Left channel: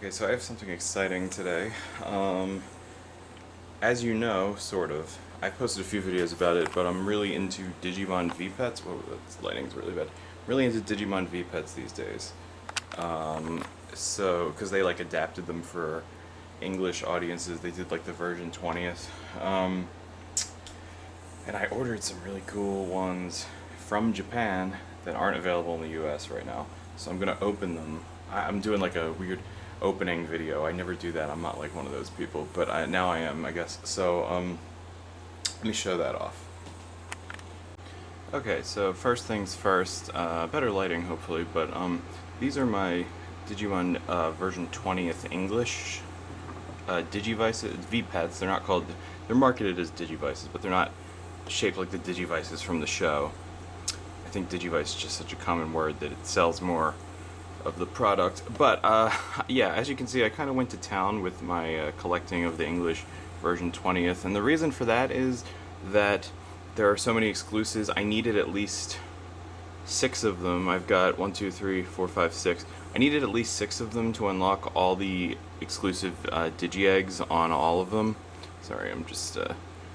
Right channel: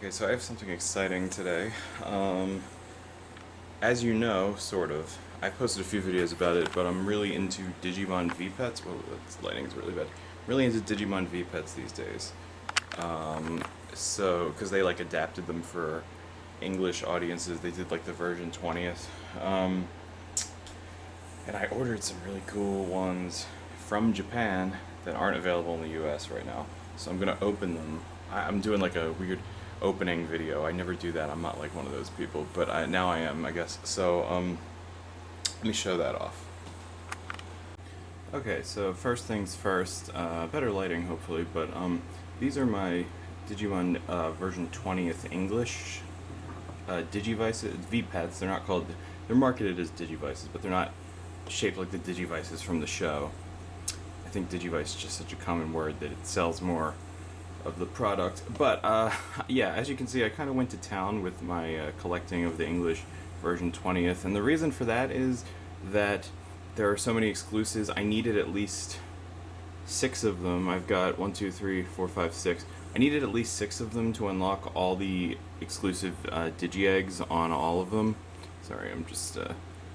Okay, so I have something exciting today. As you know, sort of, I've posted a few videos about it, but I'm really into Digimon Vpets. Whoa, that lighting's really bad. Really into Digimon Vpets these days. Because they like adapted them for English audiences, they did like the version 20th. And I ordered some really cool ones from Japan that aren't available in the US right now. So I'm gonna open them. I'm doing like a weird opening video. I never do that. I'm not like one of those people, but now I am, I guess. So let me show that off. Okay, so first things first, better lighting hopefully, but these are my Digimon version 20th English Digivices, Vpets. They're not called, they're marketed as Digivices, but they're not shaped like the Digivices from the show. I think Digivice is just such a common word that it sells more of the product. But yeah, as you can see, I kind of went to town with my collecting of the English version 20th, and the reason for that is that there are so many exclusives. I needed at least 6 of them. I've got 1, 2, 3, 4, 5, 6. I needed at least 6 of them to unlock all the exclusive Digi-Eggs on all of them. Sorry, I'm just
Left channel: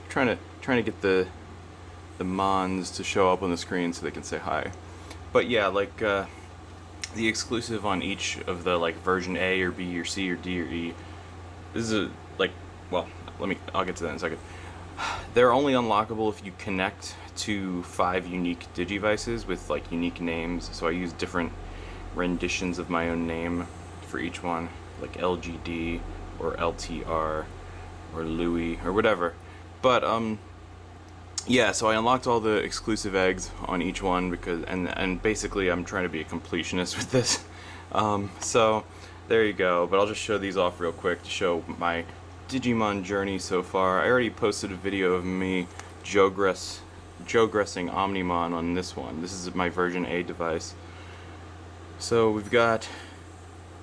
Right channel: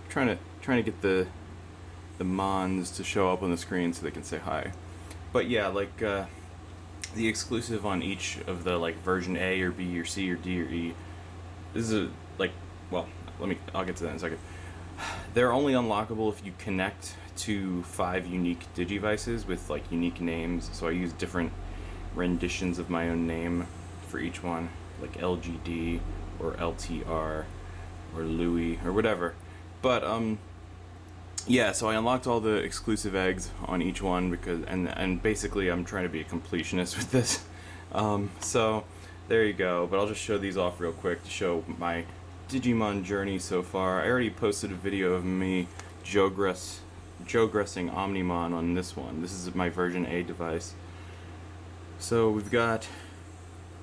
trying to get the Mons to show up on the screen so they can say hi. But yeah, like the exclusive on each of the like version A or B or C or D or E. This is well, I'll get to that in a second. They're only unlockable if you connect to 5 unique Digivices with like unique names. So I use different renditions of my own name for each one, like LGD or LTR or Louis or whatever. But yeah, so I unlocked all the exclusive eggs on each one because and basically I'm trying to be a completionist with this. So there you go. But I'll just show these off real quick to show my Digimon journey so far. I already posted a video of me Jogressing Omnimon on this one. This is my version A device. So we've got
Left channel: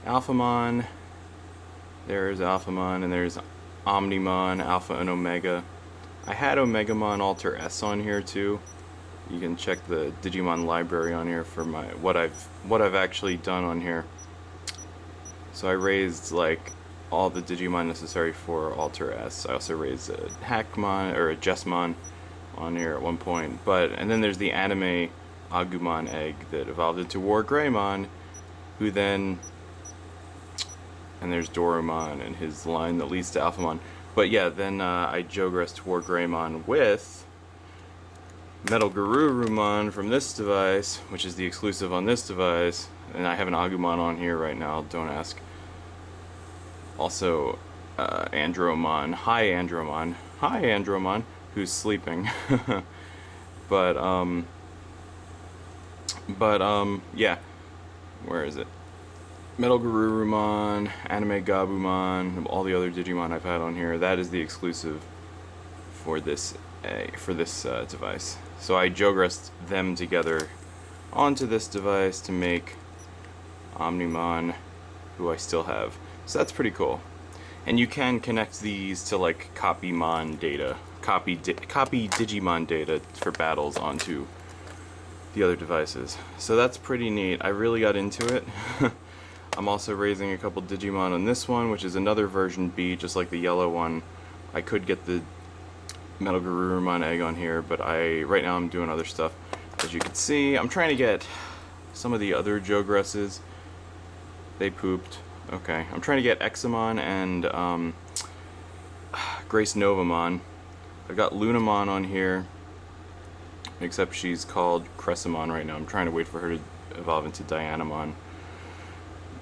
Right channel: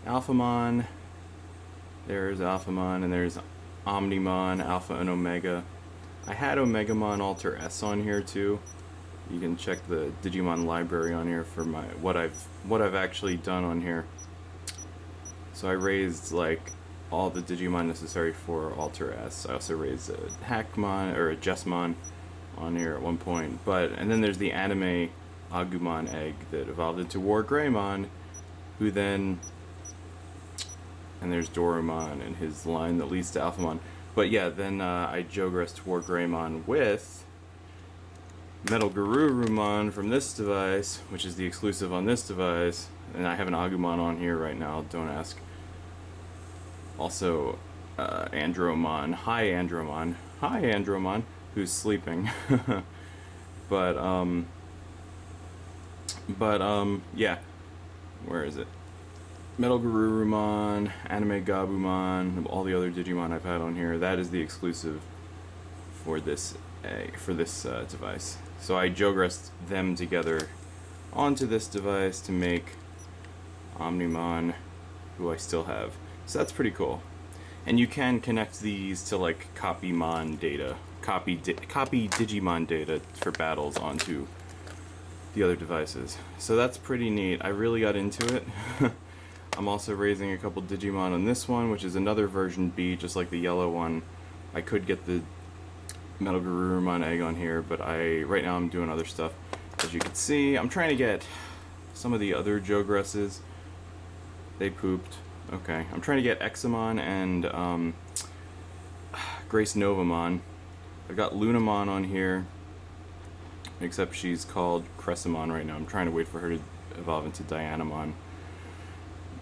Alphamon, there's Alphamon, and there's Omnimon, Alpha and Omega. I had Omegamon Alter S on here too. You can check the Digimon library on here for my what I've actually done on here. So I raised like all the Digimon necessary for Alter S. I also raised a Hackmon or a Jessmon on here at one point. And then there's the anime Agumon egg that evolved into War Greymon, who then, and there's Dorumon and his line that leads to Alphamon. But yeah, then I Jogressed War Greymon with Metal Garurumon from this device, which is the exclusive on this device, and I have an Agumon on here right now, don't ask. Also, Andromon. Hi, Andromon. Hi, Andromon, who's sleeping. but, yeah. Where is it? Metal Garurumon, Anime Gabumon, all the other Digimon I've had on here. That is the exclusive for this device. So I Jogressed them together onto this device to make Omnimon, who I still have. So that's pretty cool. And you can connect these to like copy Digimon data for battles onto the other devices. So that's pretty neat. I really got into it. I'm also raising a couple Digimon on this one, which is another version B, just like the yellow one. I could get the Metal Garurumon egg on here, but right now I'm doing other stuff. As you can see, I'm trying to get some of the other Jogresses. They pooped. Okay, I'm trying to get Examon and Grace Novamon. I've got Lunamon on here, except she's called Cressamon right now. I'm trying to wait for her to evolve into Dianamon.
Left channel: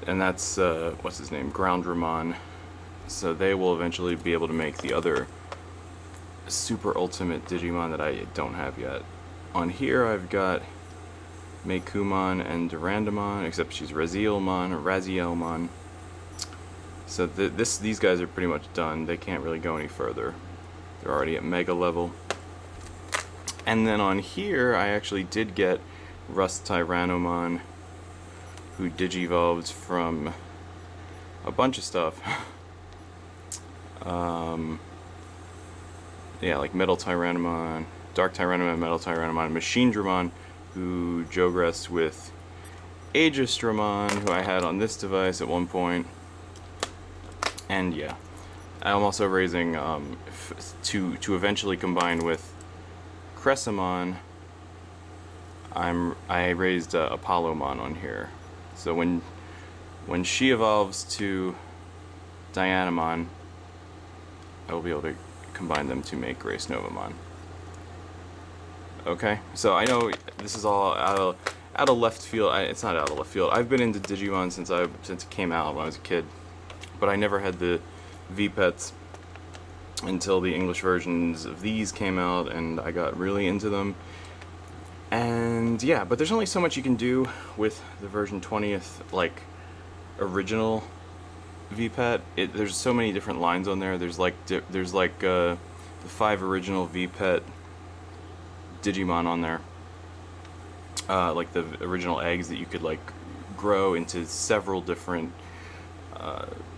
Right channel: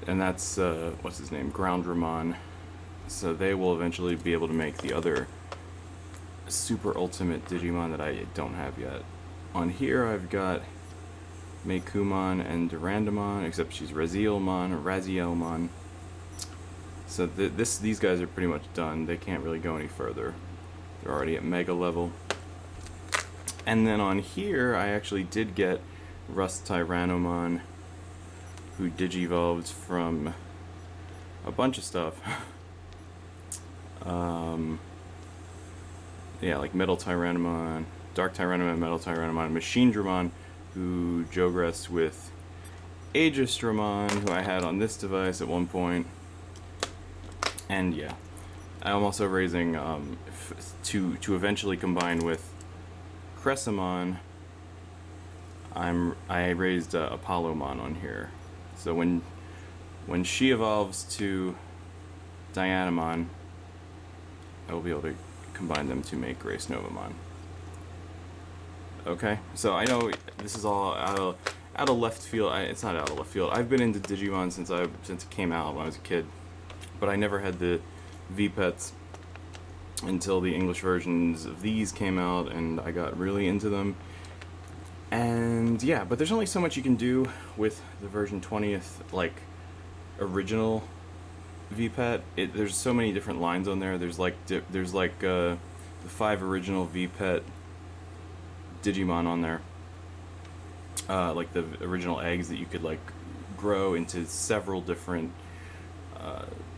And that's, what's his name? Groundramon. So they will eventually be able to make the other super ultimate Digimon that I don't have yet. On here I've got Meikumon and Durandamon, except she's Razielmon. So these guys are pretty much done. They can't really go any further. They're already at Mega level. And then on here I actually did get Rust Tyrannomon, who digivolves from a bunch of stuff. Yeah, like Metal Tyrannomon, Dark Tyrannomon, Metal Tyrannomon, Machine Dramon, who Jogressed with Aegis Dramon, who I had on this device at one point. And yeah, I'm also raising to eventually combine with Cressamon. I raised Apollomon on here, so when she evolves to Dianamon, I will be able to combine them to make Grace Novamon. Okay, so I know this is all out of left field. It's not out of left field. I've been into Digimon since it came out when I was a kid, but I never had the Vpets until the English versions of these came out, and I got really into them. And yeah, but there's only so much you can do with the version 20th, like, original Vpet. There's so many different lines on there. There's the 5 original Vpet Digimon on there, like the original eggs that you could like grow into several different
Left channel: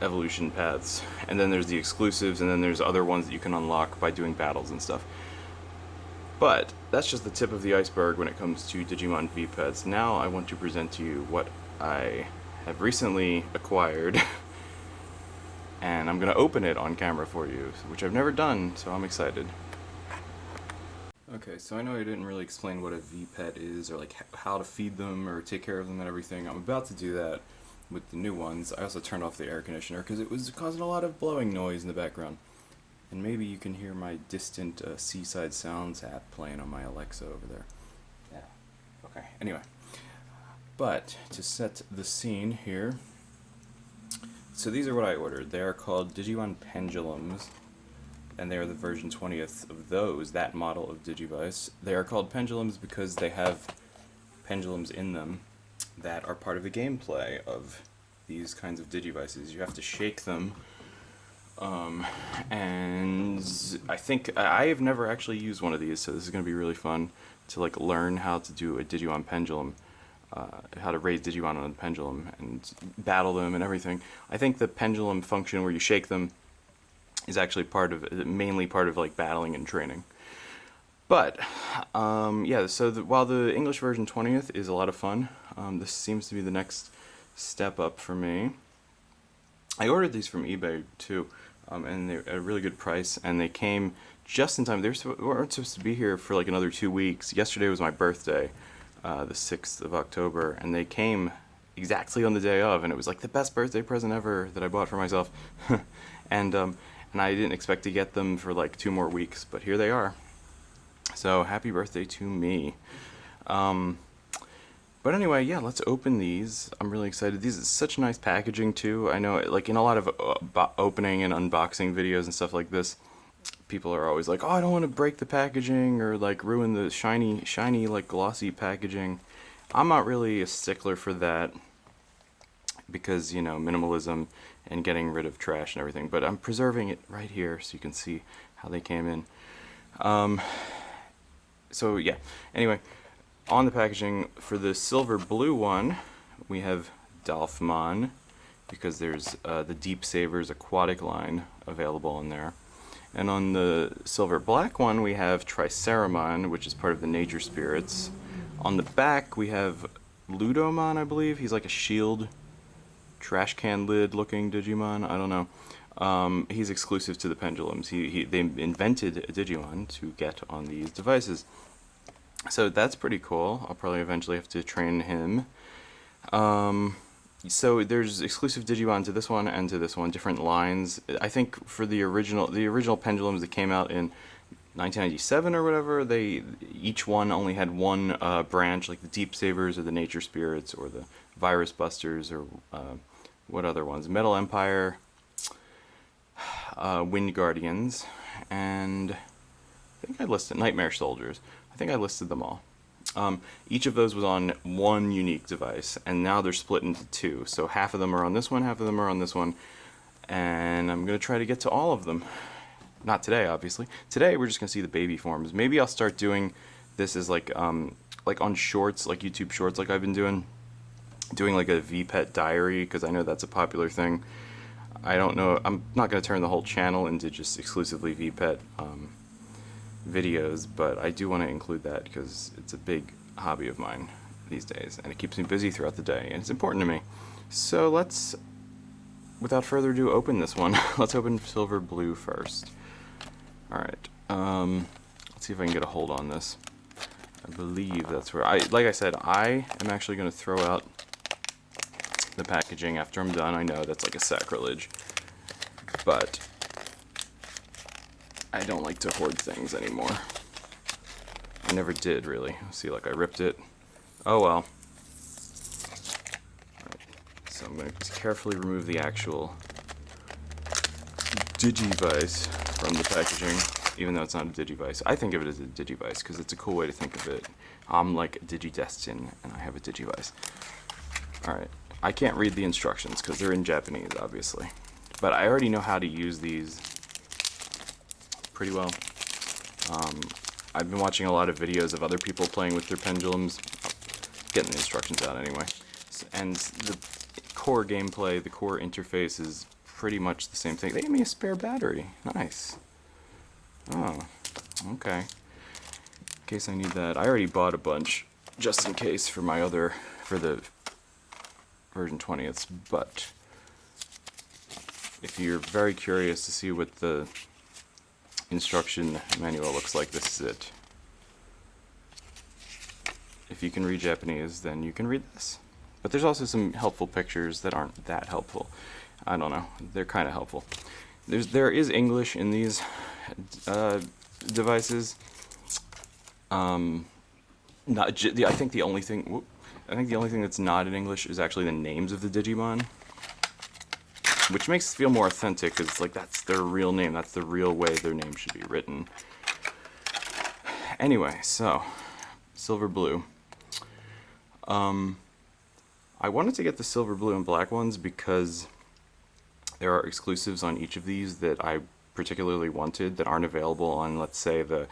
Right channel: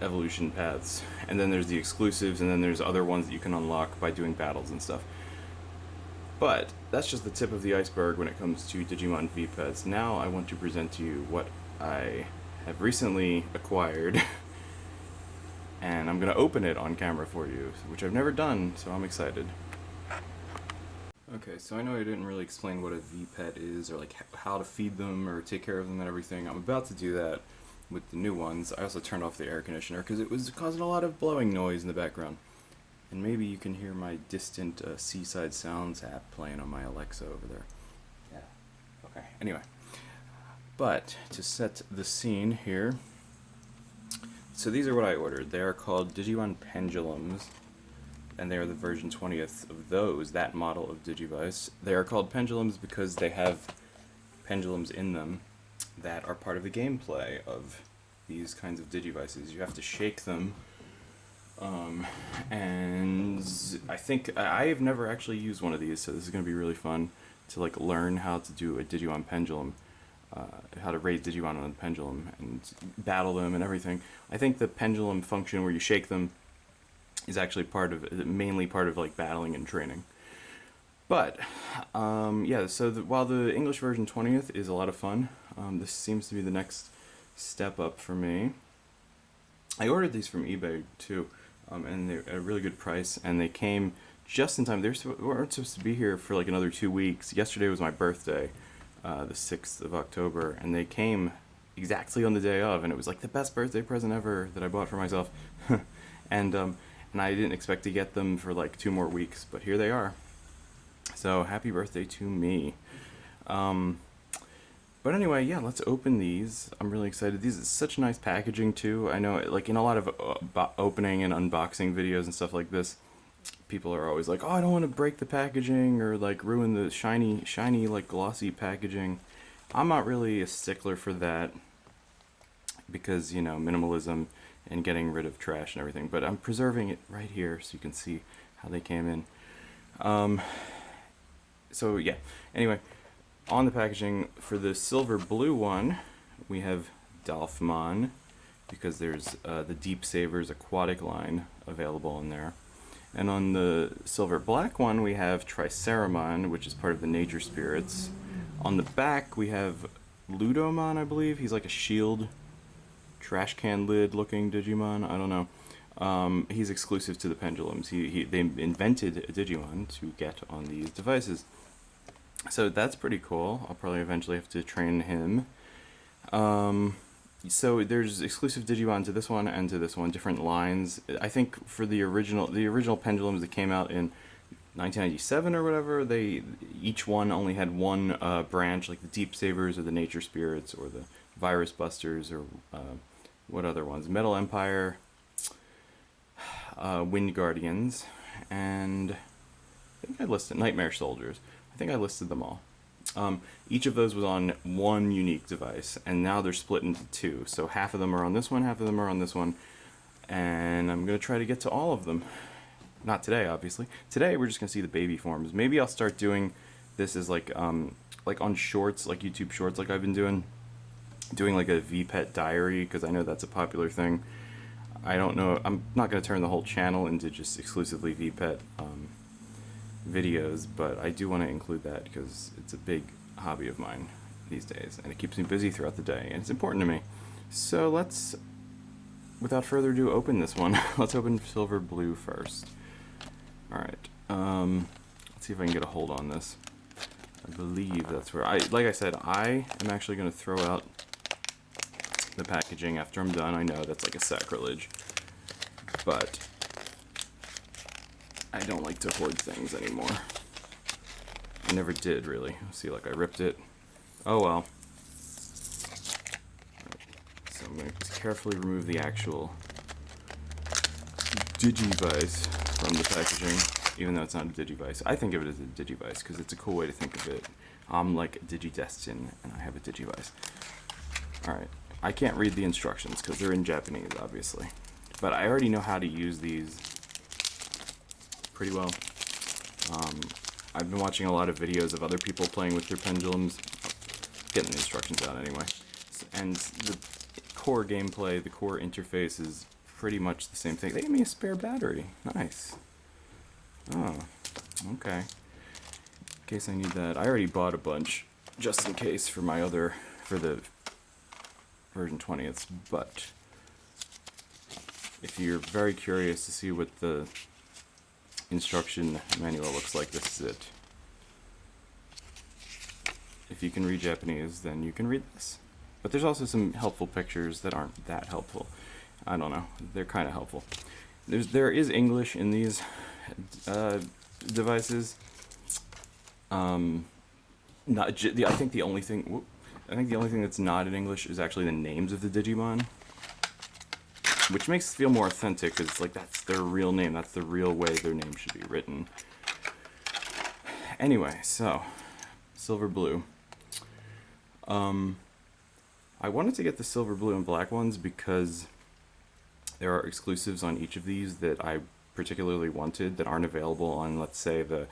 evolution paths. And then there's the exclusives, and then there's other ones that you can unlock by doing battles and stuff. But that's just the tip of the iceberg when it comes to Digimon Vpets. Now I want to present to you what I have recently acquired, and I'm going to open it on camera for you, which I've never done, so I'm excited. Okay, so I know I didn't really explain what a Vpet is, or like how to feed them or take care of them and everything. I'm about to do that with the new ones. I also turned off the air conditioner because it was causing a lot of blowing noise in the background. And maybe you can hear my distant Seaside Sounds app playing on my Alexa over there. Yeah. Okay. Anyway. But to set the scene here, so these are what I ordered. They are called Digimon Pendulums, and they are the version 20th of those, that model of Digivice. They are called Pendulums because they have pendulums in them that are part of the gameplay of these kinds of Digivices. You have to shake them. And I think I have never actually used one of these, so this is going to be really fun to like learn how to do a Digimon Pendulum, how to raise Digimon on a pendulum and battle them and everything. I think the pendulum function where you shake them is actually mainly part of like battling and training. But yeah, so while the English version 20th is a lot of fun, this seems to be the next step up for me. I ordered these from eBay too. And they're at a really good price, and they came just in time. They weren't supposed to be here for like another 2 weeks. Yesterday was my birthday, the 6th of October, and they came exactly on the day of, and it was like the best birthday present ever that I bought for myself. and I didn't expect to get them for like 2 more weeks, but here they are. So happy birthday to me. But anyway, yeah, let's open these. I'm really excited. These is such nice packaging too. I know, like in a lot of opening and unboxing videos and stuff like this, people are always like, "Oh, I don't want to break the packaging or like ruin the shiny like glossy packaging." I'm not really a stickler for that because, you know, minimalism and getting rid of trash and everything. But I'm preserving it right here so you can see how they came in. So yeah. Anyway. On the packaging, for the silver blue one, we have Dolphmon, because there's the Deep Savers aquatic line available in there. And on the silver black one, we have Triceramon, which is part of the Nature Spirits. On the back, we have Ludomon, I believe. He's like a shield, trash can lid looking Digimon. I don't know. He's exclusive to the Pendulums. They invented a Digimon to get on these devices. So that's pretty cool. I'll probably eventually have to train him. So there's exclusive Digimon to this one and to this one, different lines. I think for the original Pendulums that came out in 1997 or whatever, each one only had one branch, like the Deep Savers or the Nature Spirits or the Virus Busters or what other ones? Metal Empire, Wind Guardians, and I think I listed Nightmare Soldiers. I think I listed them all. Each of those was on one unique device, and now they're split into 2. So half of them are on this one, half of them are on this one, and I'm going to try to get to all of them. Not today, obviously. Today we're just going to see the baby forms. Maybe I'll start doing this as like on shorts, like YouTube shorts, like I've been doing like a Vpet diary, because I know that's a popular thing. I don't know, I'm not going to turn the whole channel into just exclusively Vpet videos, but I do want to include that because it's a big hobby of mine these days, and it keeps me busy throughout the day, and it's important to me. So let's without further ado, open this one. Let's open Silver Blue first. Alright, let's see if I can get a hold on this. I believe that's where like I said, I am actually going to throw out the packaging after I'm done. I know that's like a sacrilege, but I don't like to hoard things anymore. I never did, really. See, like I ripped it. Oh well. Right. So I'm going to just carefully remove the actual Digivice from the packaging, even though it's not a Digivice. I think of it as a Digivice because it's a cool way to think of it. I'm like Digidestin, and I have a Digivice. Alright, I can't read the instructions because they're in Japanese, obviously. But I already know how to use these pretty well. I've been watching a lot of videos of other people playing with their pendulums, getting the instructions out anyway. And the core gameplay, the core interface is pretty much the same thing. They gave me a spare battery. Nice. Oh, okay. In case I need that. I already bought a bunch, just in case, for my other, for the version 20th, but if you're very curious to see what the instruction manual looks like, this is it. If you can read Japanese, then you can read this. But there's also some helpful pictures that aren't that helpful. I don't know. They're kind of helpful. There is English in these devices. I think the only thing that's not in English is actually the names of the Digimon, which makes it feel more authentic because like that's their real name. That's the real way their name should be written. Anyway, so Silver Blue. I wanted to get the Silver Blue and Black ones because there are exclusives on each of these that I particularly wanted that aren't available on, let's say, the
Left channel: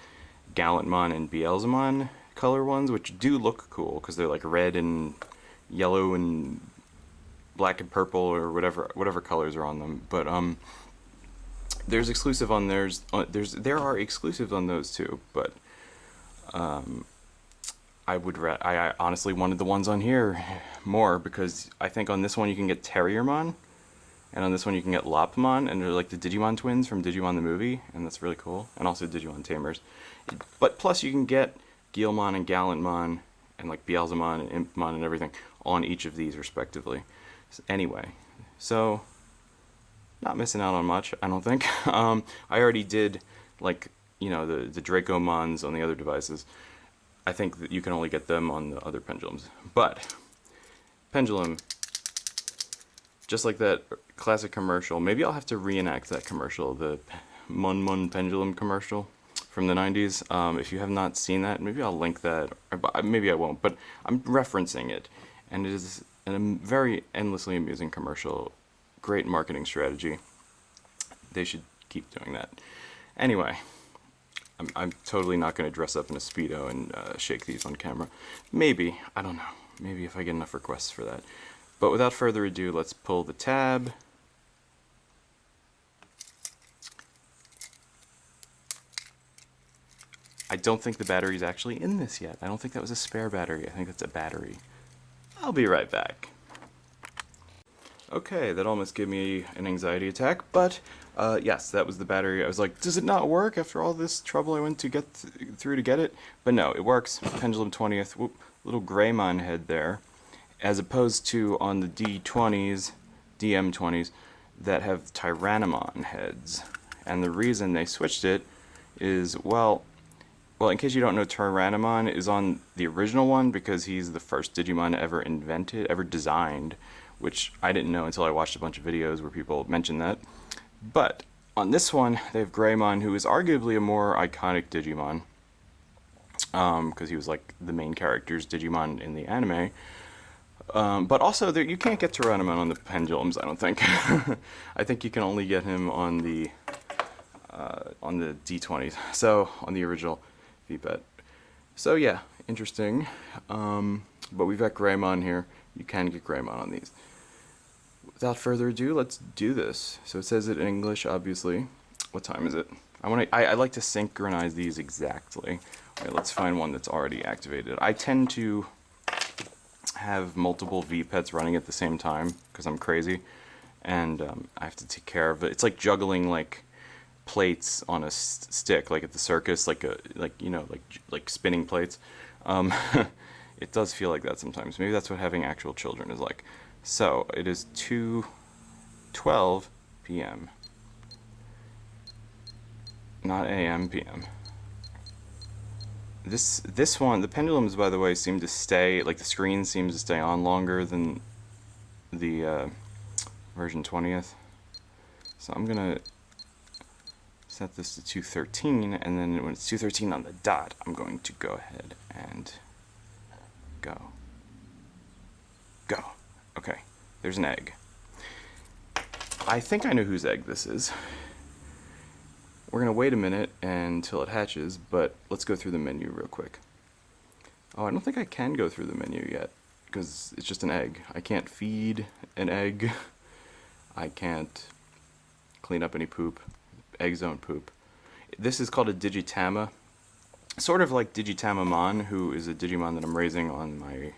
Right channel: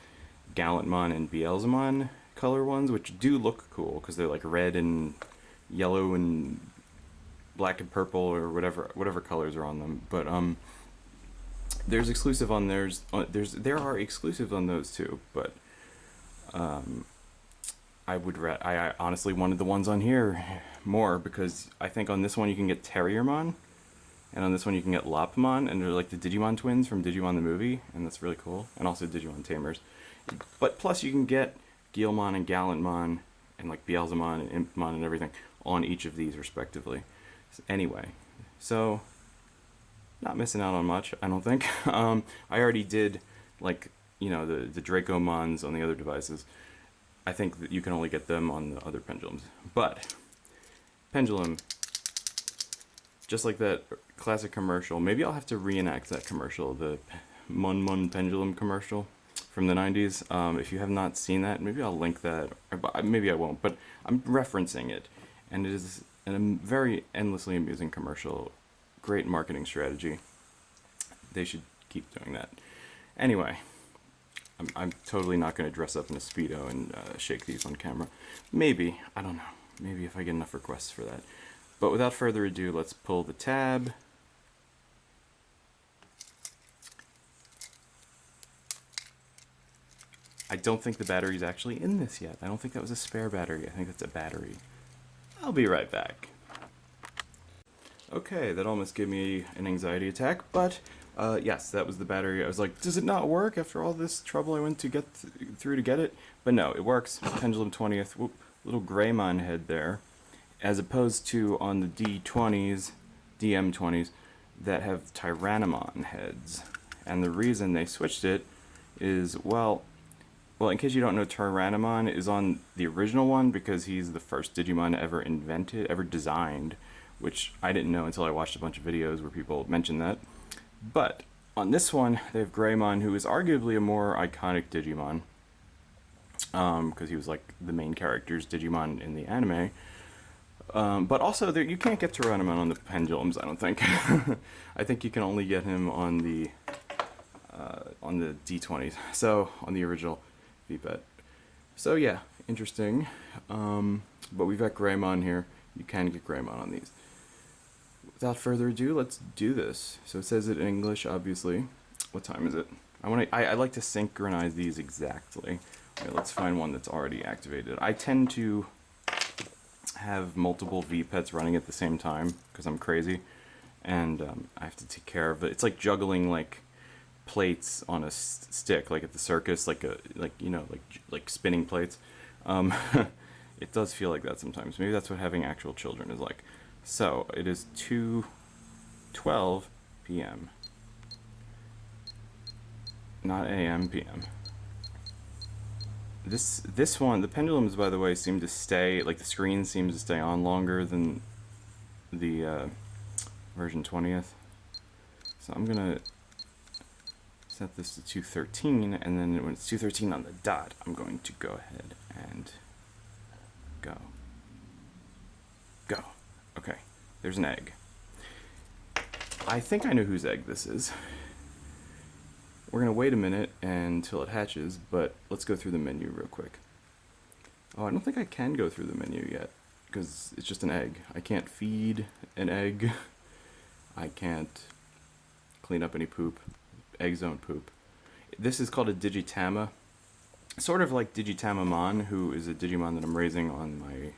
Gallantmon and Beelzemon color ones, which do look cool because they're like red and yellow and black and purple or whatever colors are on them. But there's exclusive on theirs. There are exclusives on those too. But I honestly wanted the ones on here more because I think on this one you can get Terriermon. And on this one you can get Lopmon, and they're like the Digimon twins from Digimon the movie, and that's really cool. And also Digimon Tamers. But plus you can get Guilmon and Gallantmon, and like Beelzemon and Impmon and everything on each of these respectively. Anyway, so not missing out on much, I don't think. I already did, like, you know, the Dracomons on the other devices. I think that you can only get them on the other pendulums. But Pendulum, just like that classic commercial, maybe I'll have to reenact that commercial, the Mon Pendulum commercial from the 90s. If you have not seen that, maybe I'll link that, or maybe I won't, but I'm referencing it, and it is a very endlessly amusing commercial. Great marketing strategy. They should keep doing that. Anyway, I'm totally not going to dress up in a Speedo and shake these on camera. Maybe, I don't know, maybe if I get enough requests for that. But without further ado, let's pull the tab. I don't think the battery's actually in this yet. I don't think that was a spare battery. I think that's a battery. I'll be right back. Okay, that almost gave me an anxiety attack, but yes, that was the battery. I was like, does it not work after all this trouble I went to get through to get it? But no, it works. Pendulum 20th, whoop, little Greymon head there, as opposed to on the D20s, DM20s, that have Tyrannomon heads. And the reason they switched it is, well, in case you don't know, Tyrannomon is on the original one because he's the first Digimon ever invented, ever designed, which I didn't know until I watched a bunch of videos where people mentioned that. But on this one, they have Greymon, who is arguably a more iconic Digimon, because he was like the main character's Digimon in the anime. But also, you can't get Tyrannomon on the pendulums, I don't think. I think you can only get him on the D20s, so on the original Vpet. So yeah, interesting. But we've got Greymon here. You can get Greymon on these. Without further ado, let's do this. So it says it in English, obviously. What time is it? I like to synchronize these exactly. Alright, let's find one that's already activated. I tend to have multiple Vpets running at the same time because I'm crazy. and I have to take care of it. It's like juggling like plates on a stick, like at the circus, like you know like spinning plates. Um, it does feel like that sometimes. Maybe that's what having actual children is like. So it is 2:12 p.m. Not a.m. p.m. This one, the pendulums, by the way, seem to stay, like the screen seems to stay on longer than the version 20th. So I'm gonna set this to 2:13, and then when it's 2:13 on the dot, I'm going to go ahead and go. Okay, there's an egg. I think I know whose egg this is. We're gonna wait a minute until it hatches, but let's go through the menu real quick. Oh, I don't think I can go through the menu yet, because it's just an egg. I can't feed an egg. I can't clean up any poop. Eggs don't poop. This is called a Digitama. Sort of like Digitamamon, who is a Digimon that I'm raising on my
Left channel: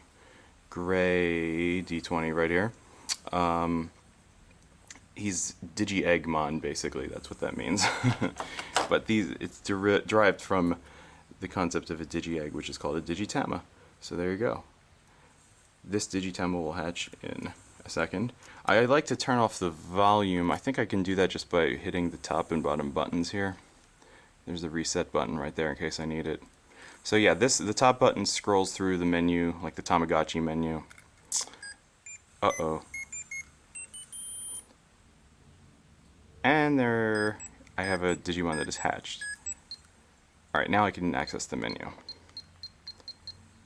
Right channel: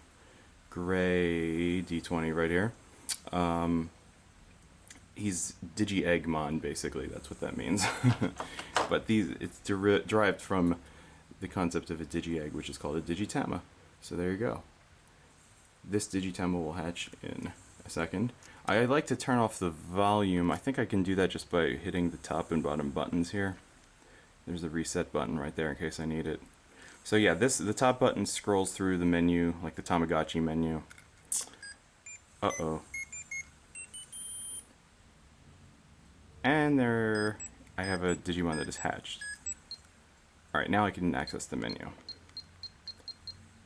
gray D20 right here. He's Digi-Eggmon, basically. That's what that means. But it's derived from the concept of a Digi-Egg, which is called a Digitama. So there you go. This Digitama will hatch in a second. I like to turn off the volume. I think I can do that just by hitting the top and bottom buttons here. There's the reset button right there in case I need it. So yeah, the top button scrolls through the menu, like the Tamagotchi menu. Uh-oh. And there, I have a Digimon that is hatched. Alright, now I can access the menu.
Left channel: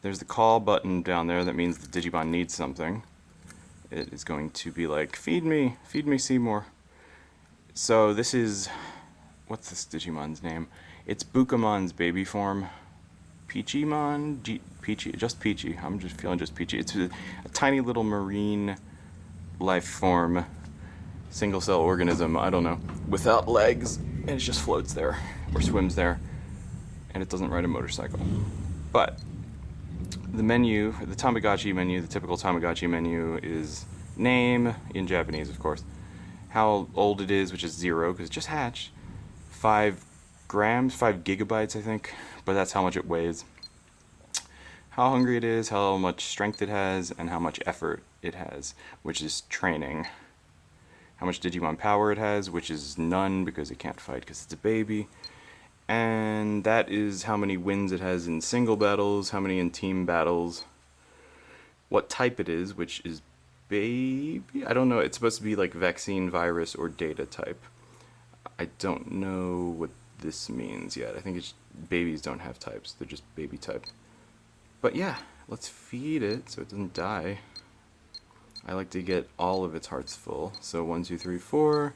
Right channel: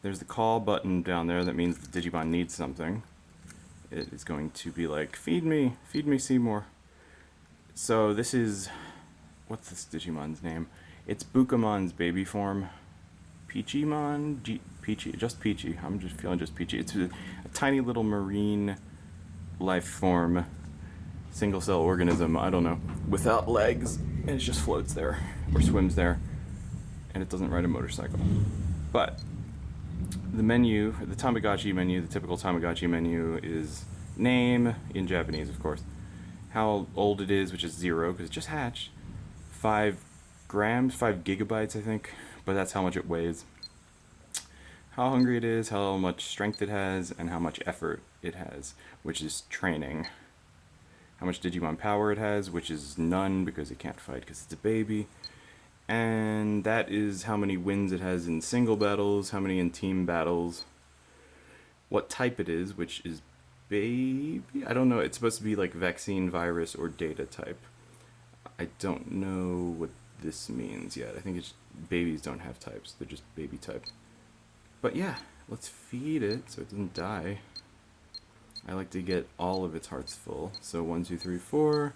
There's the call button down there. That means the Digimon needs something. It is going to be like, feed me, Seymour. So this is, what's this Digimon's name? It's Bukamon's baby form. Peachymon? Peachy, just Peachy. I'm just feeling just Peachy. It's a tiny little marine life form, single cell organism, I don't know, without legs, and it just floats there, or swims there, and it doesn't ride a motorcycle. But the menu, the Tamagotchi menu, the typical Tamagotchi menu is name, in Japanese of course, how old it is, which is 0, because it just hatched, 5 grams, 5 gigabytes I think, but that's how much it weighs, how hungry it is, how much strength it has, and how much effort it has, which is training, how much Digimon power it has, which is none because it can't fight because it's a baby, and that is how many wins it has in single battles, how many in team battles, what type it is, which is baby, I don't know, it's supposed to be like vaccine, virus, or data type. I don't know what this means yet. I think it's babies don't have types, they're just baby type. But yeah, let's feed it so it doesn't die. I like to get all of its hearts full. So 1, 2, 3, 4.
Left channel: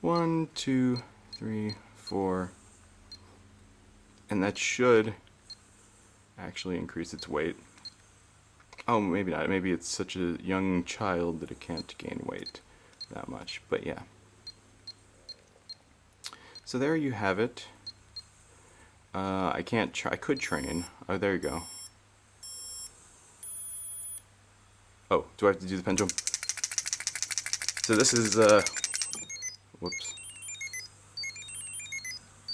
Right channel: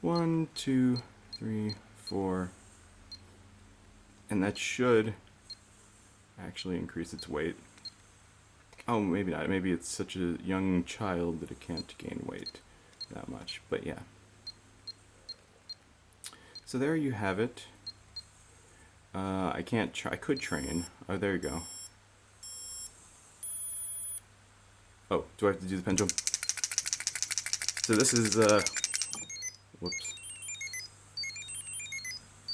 1, 2, 3, 4. And that should actually increase its weight. Oh, maybe not. Maybe it's such a young child that it can't gain weight that much. But yeah. So there you have it. I can't try. I could train. Oh, there you go. Oh, do I have to do the pendulum? So this is, whoops.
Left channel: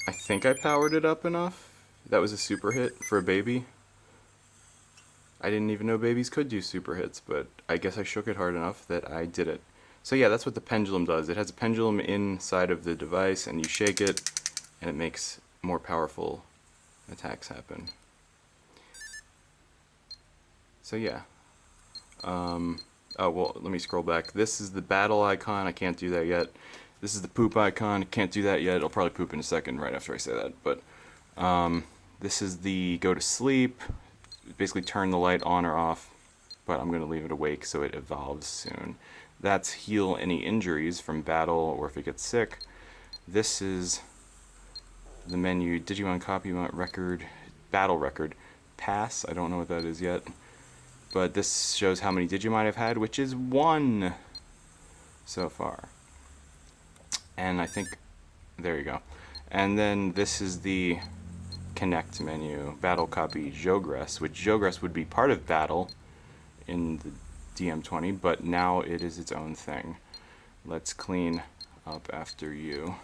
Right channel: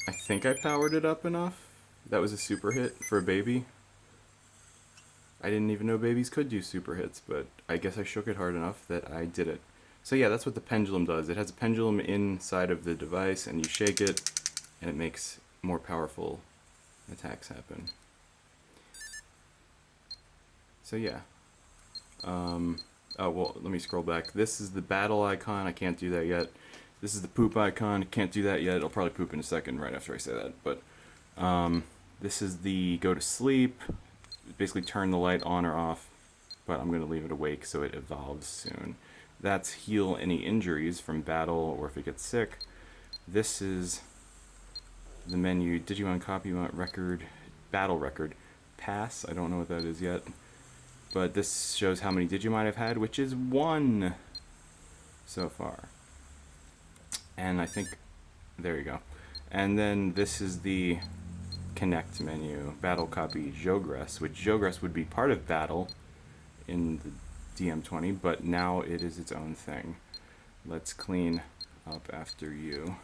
I think I powered it up enough. That was a super hit for a baby. I didn't even know babies could do super hits, but I guess I shook it hard enough that I did it. So yeah, that's what the pendulum does. It has a pendulum inside of the device, and you shake it, and it makes more powerful attacks happen. So yeah. Oh, well, let me scroll back. This is the battle icon. I can't do that yet. This is the poop icon. I can't do that yet. It'll probably poop in a second right after I say that. But this is the go to sleep. Basically turn the light on or off. But I'm going to leave it awake so it evolves soon. That's heal any injuries from battle or if it gets sick. This is the menu. Digimon copy record. Battle record. Pass. I don't know what that is yet. But this shows how many Digimon I've had, which is 1 so far. And I think, there you go. And then this is the connect menu, battle copy Jogress, which Jogress would be part of battle in the DM20, but now it is its own thing. let's clean up after you.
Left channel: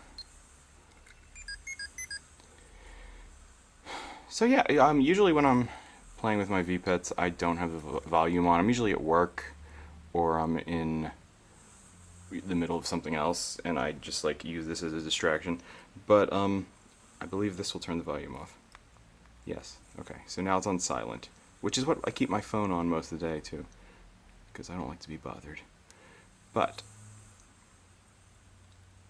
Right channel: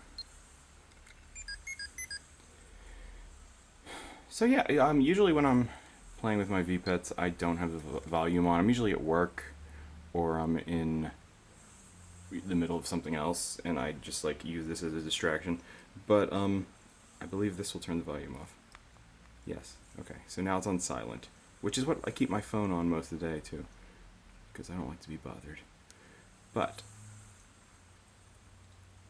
So yeah, usually when I'm playing with my Vpets, I don't have the volume on. I'm usually at work, or I'm in the middle of something else, and I just like use this as a distraction. But I believe this will turn the volume off. Yes. Okay. So now it's on silent, which is what I keep my phone on most of the day too, because I don't like to be bothered. But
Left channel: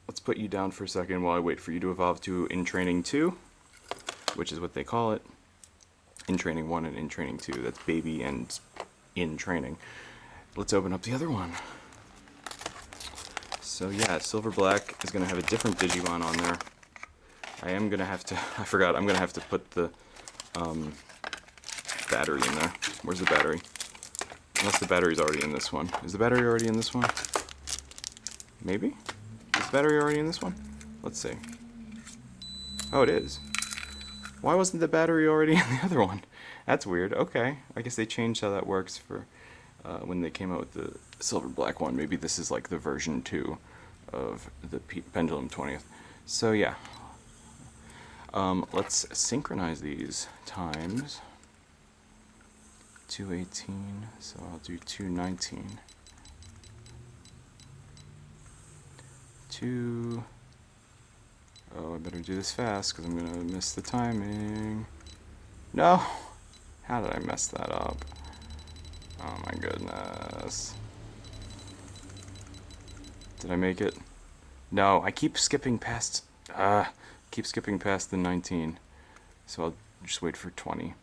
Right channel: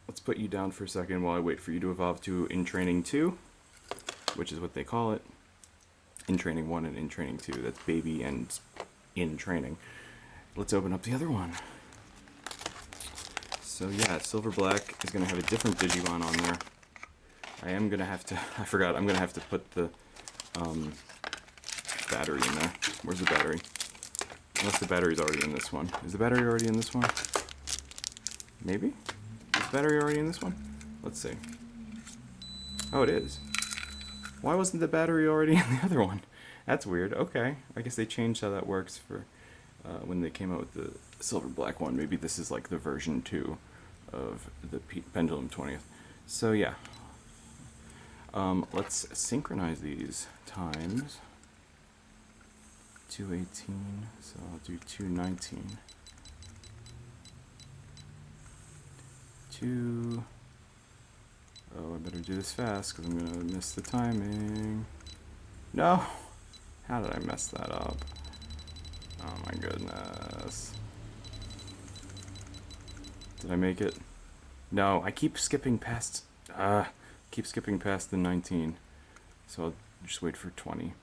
let's put you down for a second while I wait for you to evolve to In Training 2, which is what they call it. In Training 1 and In Training 2. That's baby and in training. Let's open up the other one. So yeah, Silver Black is going to have a different Digimon on there. I am going to have to, I forgot, I'm going to have to put the battery in there. Where's the battery? Unless the battery's already in this one. Is the battery already in this one? Maybe? Is the battery already in this one? Let's see. Oh, it is. Why wasn't the battery already in the other one? That's weird. Okay. I guess they changed how that works for when they came out with the Silver Black one. Maybe this is like the version 2 of the Pendulum 20th. So yeah. Let's synchronize these times. 218, so I'll do 219. 2... Oh, I better do this fast, because I'm going to miss the timing. No! How did I mess that up? Oh my goodness. Did I make it? No, I keep skipping past... keep skipping past the 19. So I'll just wait for 20.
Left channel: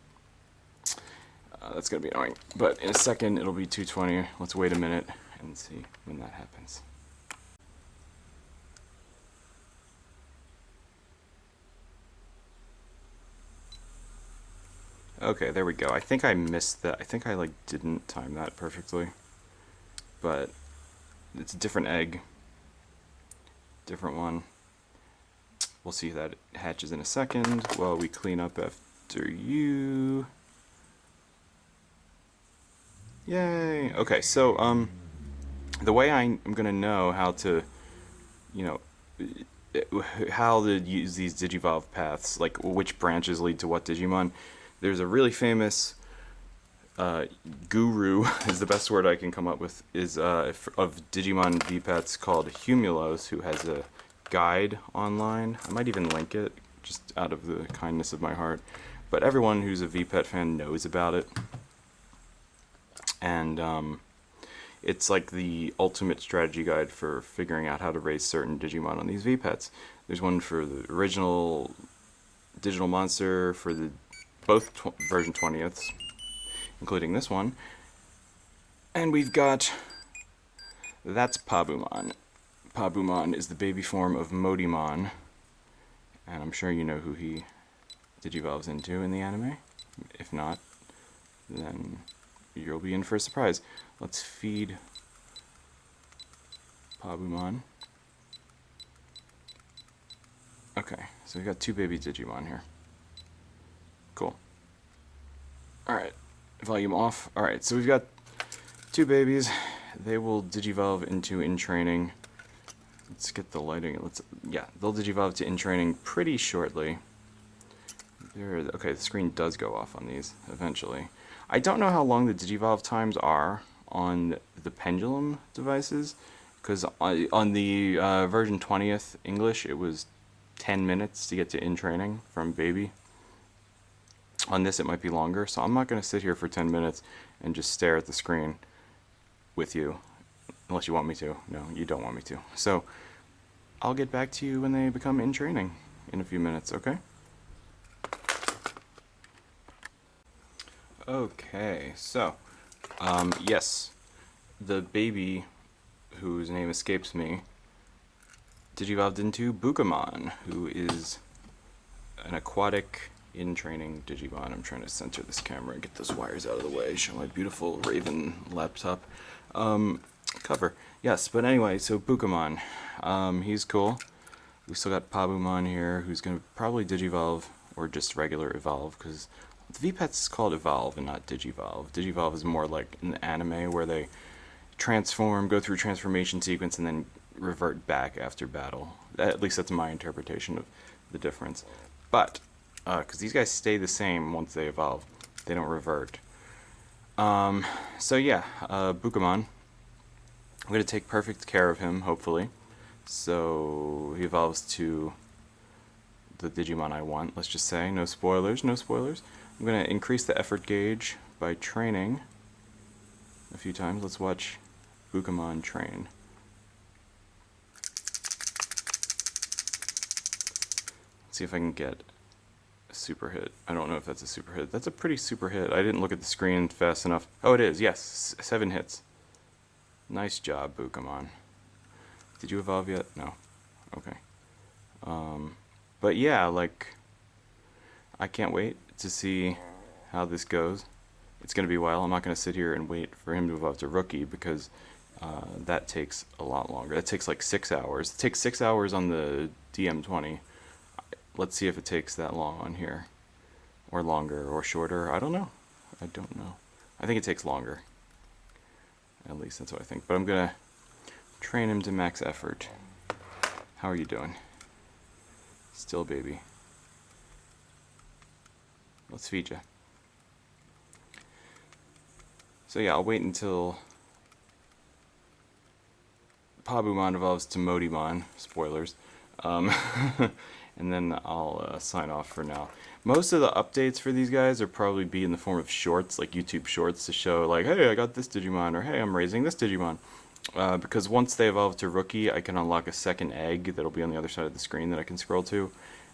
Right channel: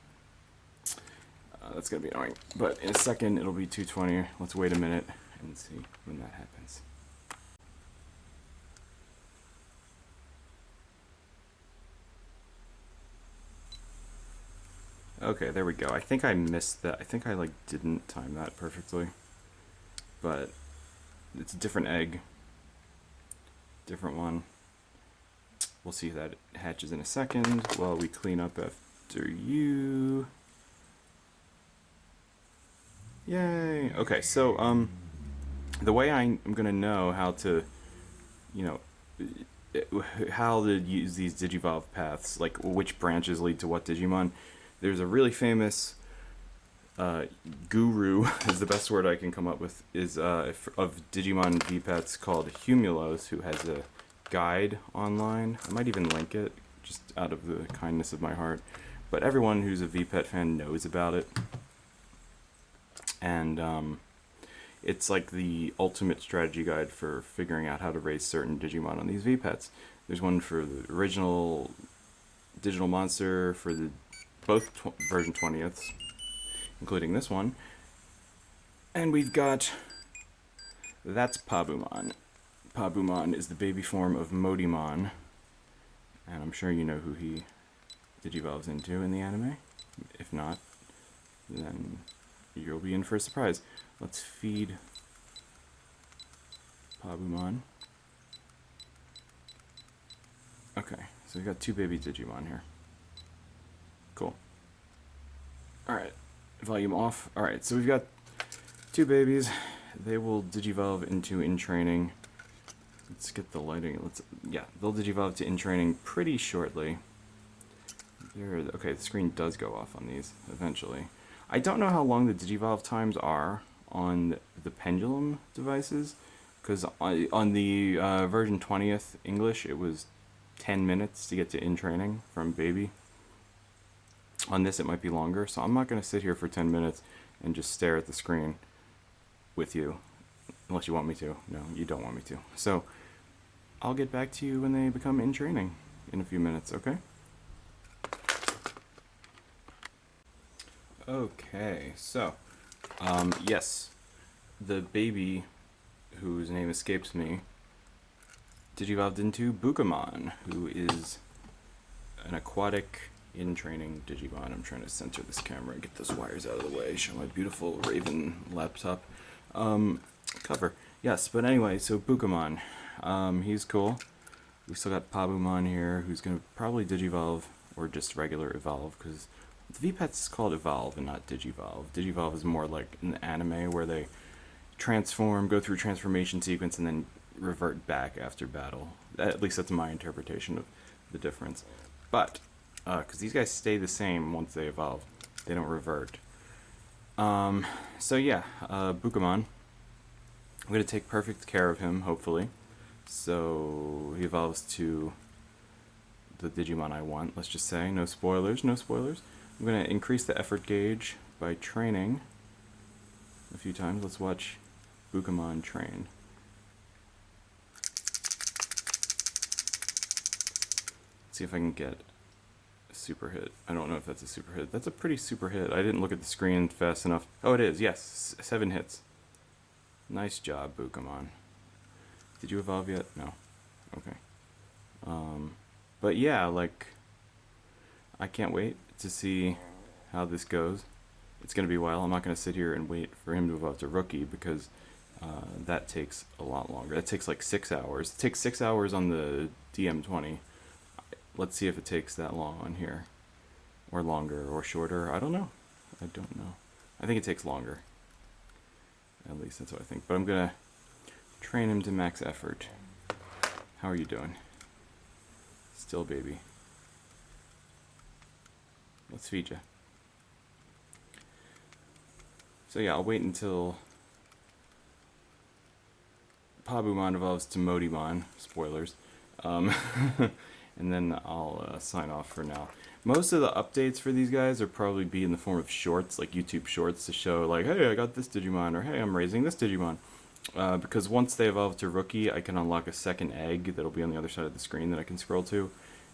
That's going to be annoying. But in a second, it'll be 220. Let's wait a minute and see when that happens. Okay, there we go. I think I missed that. I think I like didn't time that perfectly. But it's a different egg. Different one. We'll see if that hatches in a second while we clean up after you. Yay! Okay, so the way I'm gonna know how to, you know, how to use these Digivolve paths, like which branches lead to what Digimon. There's a really famous guru, is the best word I can come up with, is of Digimon Vpets called Humulos, who has a guide online. I might even link it, just out of the kindness of my heart. But everyone who's a Vpet fan knows about it. And it's like the ultimate strategy guide for figuring out how to raise certain Digimon on these Vpets. There's one for the original Digital Monster, for the both version 20ths, including this one. And we've got... That's Pabuman. Pabuman is the baby form of Modimon. And I'm sure you know who he digivolves into in the anime. If not, then you'll be in for a surprise. Let's feed Pabuman. Okay, so we got two baby Digimon here. Cool. Alright, volume off. Alright, so we've got two babies. They will digivolve into In Training. Let's get the lighting. Yeah, they'll digivolve to In Training pretty shortly. Okay, the screen does go off on these eventually. I don't know how long the digivolve times are on the Pendulum devices, because on the version 20th English, it was 10 minutes to get to In Training from baby. On this, it might be longer, so I'm not going to sit here for 10 minutes and just stare at the screen with you, unless you want me to. No, you don't want me to. So I'll get back to you when they become In Training in a few minutes, okay? Okay, so, yes, the baby, whose name escapes me, digivolved into Bukamon, who is an aquatic In Training Digimon. I'm trying to center this camera and get those wires out of the way, show my beautiful Raven laptop cover. Yes, but anyway, so Bukamon, he's cool. We still got Pabuman here, who's going to probably digivolve, or just regular evolve, because the Vpets is called Evolve and not Digivolve. Digivolve is more like an anime where they transform, go through transformation sequence, and then revert back after battle. At least that's my interpretation of the difference. But because these guys stay the same once they evolve, they don't revert. So yeah, Bukamon. I'm gonna take perfect care of him, hopefully. So he evolves to the Digimon I want. Let's just say no spoilers, no spoilers. I'm gonna increase the effort gauge by training a few times. Let's watch Bukamon train. Let's see if I can get a super hit. I don't know if that's a super hit. That's a pretty super hit. I didn't look at the screen fast enough. Oh, it is. Yes, 7 hits. Nice job, Bukamon. Did you evolve yet? No. Okay. But yeah, like, I can't wait to see how this goes. It's going to be a while. I'm not going to sit here and wait for him to evolve to Rookie because that takes a lot longer. That takes like 6 hours. It takes 6 hours on the DM20. Let's see if it takes that long on here. Or longer, or shorter. I don't know. I don't know. I think it takes longer. At least that's what I think. But I'm going to train him to max effort. How are you doing? Still baby. Let's feed you. So yeah, I'll wait until Pabuman evolves to Modimon. Spoilers. And then I'll sign off for now. Most of the updates for these guys are probably be in the form of shorts, like YouTube shorts, to show like, hey, I got this Digimon, or hey, I'm raising this Digimon. Because once they evolve to Rookie, I can unlock a second egg that'll be on the other side of the screen that I can scroll to,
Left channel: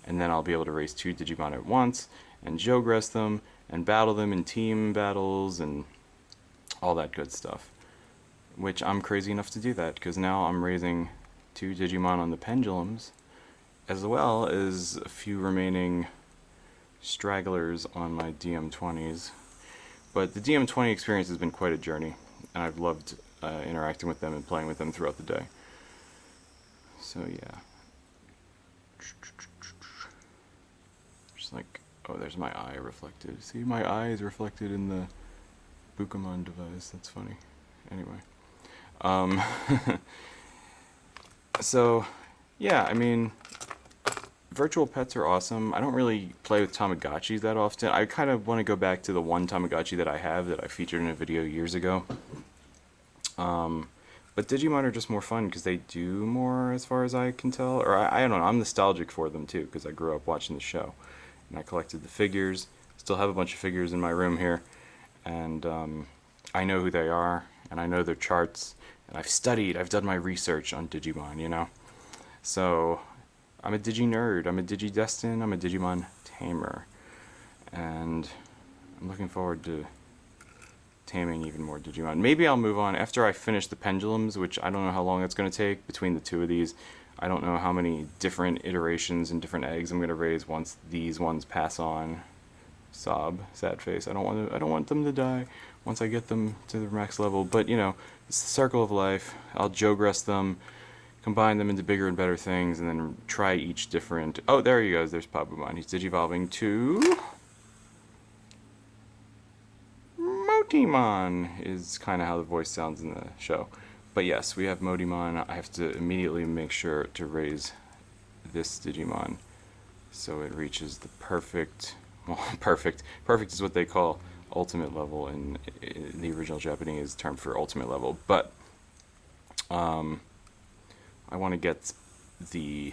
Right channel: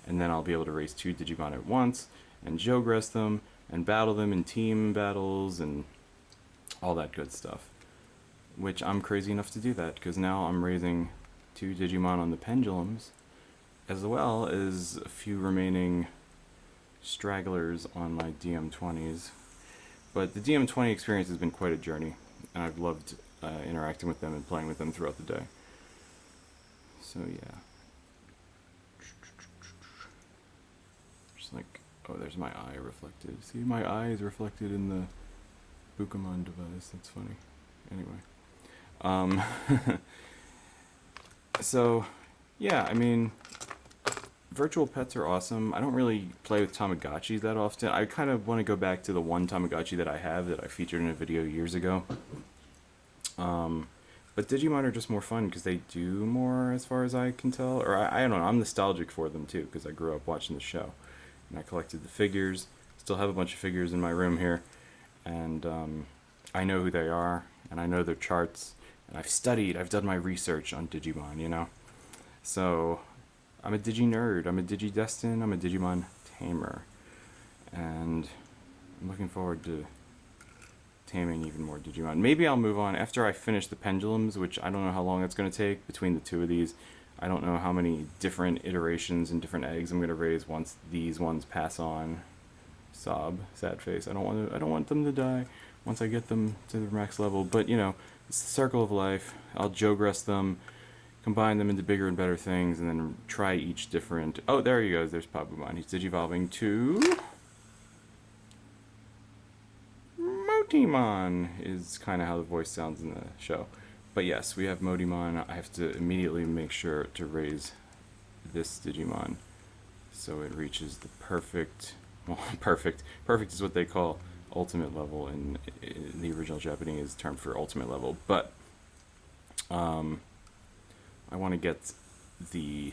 and then I'll be able to raise 2 Digimon at once, and Jogress them, and battle them in team battles, and all that good stuff. Which I'm crazy enough to do that, because now I'm raising 2 Digimon on the Pendulums, as well as a few remaining stragglers on my DM20s. But the DM20 experience has been quite a journey, and I've loved interacting with them and playing with them throughout the day. So yeah. Just like, oh, there's my eye reflected. See, my eye is reflected in the Bukamon device. That's funny. Anyway. So, yeah, I mean, virtual pets are awesome. I don't really play with Tamagotchis that often. I kind of want to go back to the one Tamagotchi that I have that I featured in a video years ago. But Digimon are just more fun because they do more, as far as I can tell. Or I don't know, I'm nostalgic for them too because I grew up watching the show. And I collected the figures. Still have a bunch of figures in my room here. And I know who they are, and I know their charts. And I've done my research on Digimon, you know? So, I'm a Digi-nerd, I'm a Digi-destin, I'm a Digimon tamer. And I'm looking forward to taming even more Digimon. Maybe I'll move on after I finish the Pendulums, which I don't know how long it's going to take between the two of these. I don't know how many different iterations and different eggs I'm going to raise once these ones pass on. Sob, sad face. I don't want them to die once I get them to the max level. But you know, it's the circle of life. I'll Jogress them, combine them into bigger and better things, and then try each different. Oh, there he goes. There's Pabuman. He's digivolving to Modimon. Is kind of how the voice sounds in the show. But yes, we have Modimon. I have to immediately make sure to raise this Digimon so it reaches the perfect. Well, perfect is what they call ultimate level in the original Japanese term for ultimate level, but I want to get the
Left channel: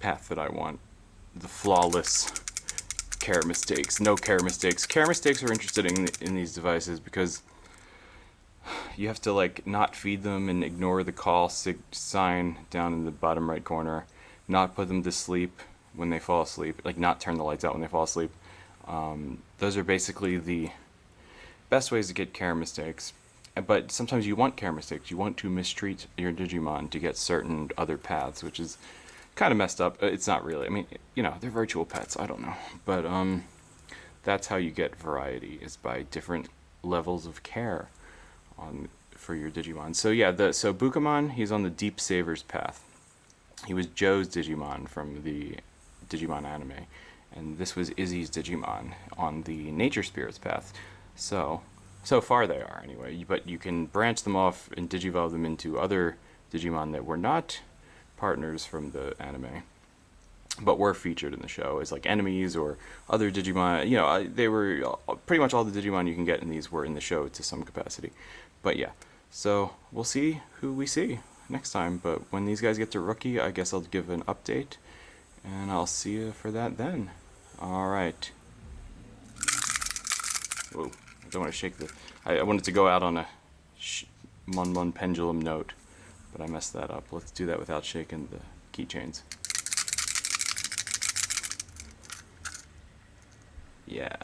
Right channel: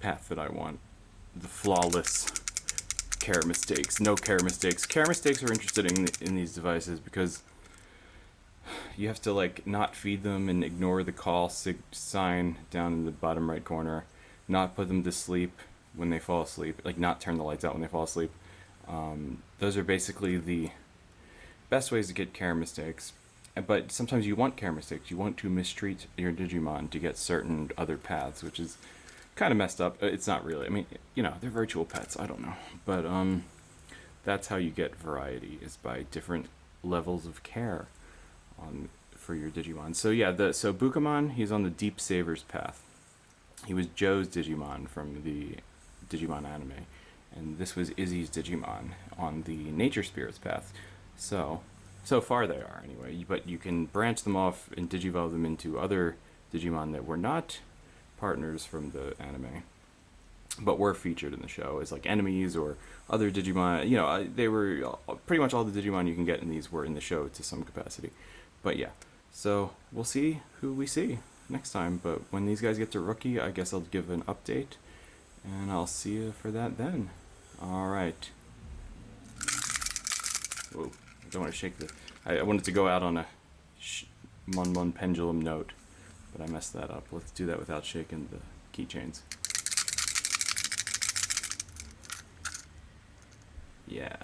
path that I want, the flawless care mistakes, no care mistakes. Care mistakes are interested in these devices because you have to like not feed them and ignore the call sign down in the bottom right corner, not put them to sleep when they fall asleep, like not turn the lights out when they fall asleep. Those are basically the best ways to get care mistakes. But sometimes you want care mistakes. You want to mistreat your Digimon to get certain other paths, which is kind of messed up. It's not really. I mean, you know, they're virtual pets. I don't know. But that's how you get variety, is by different levels of care for your Digimon. So yeah, so Bukamon, he's on the Deep Savers path. He was Joe's Digimon from the Digimon anime, and this was Izzy's Digimon on the Nature Spirits path. So far they are anyway, but you can branch them off and digivolve them into other Digimon that were not partners from the anime, but were featured in the show as like enemies or other Digimon. You know, they were pretty much all the Digimon you can get in these were in the show to some capacity. But yeah, so we'll see who we see next time. But when these guys get to rookie, I guess I'll give an update, and I'll see you for that then. All right. Whoa, I don't want to shake the. I wanted to go out on a Mon Pendulum note, but I messed that up. Let's do that without shaking the keychains. Yeah.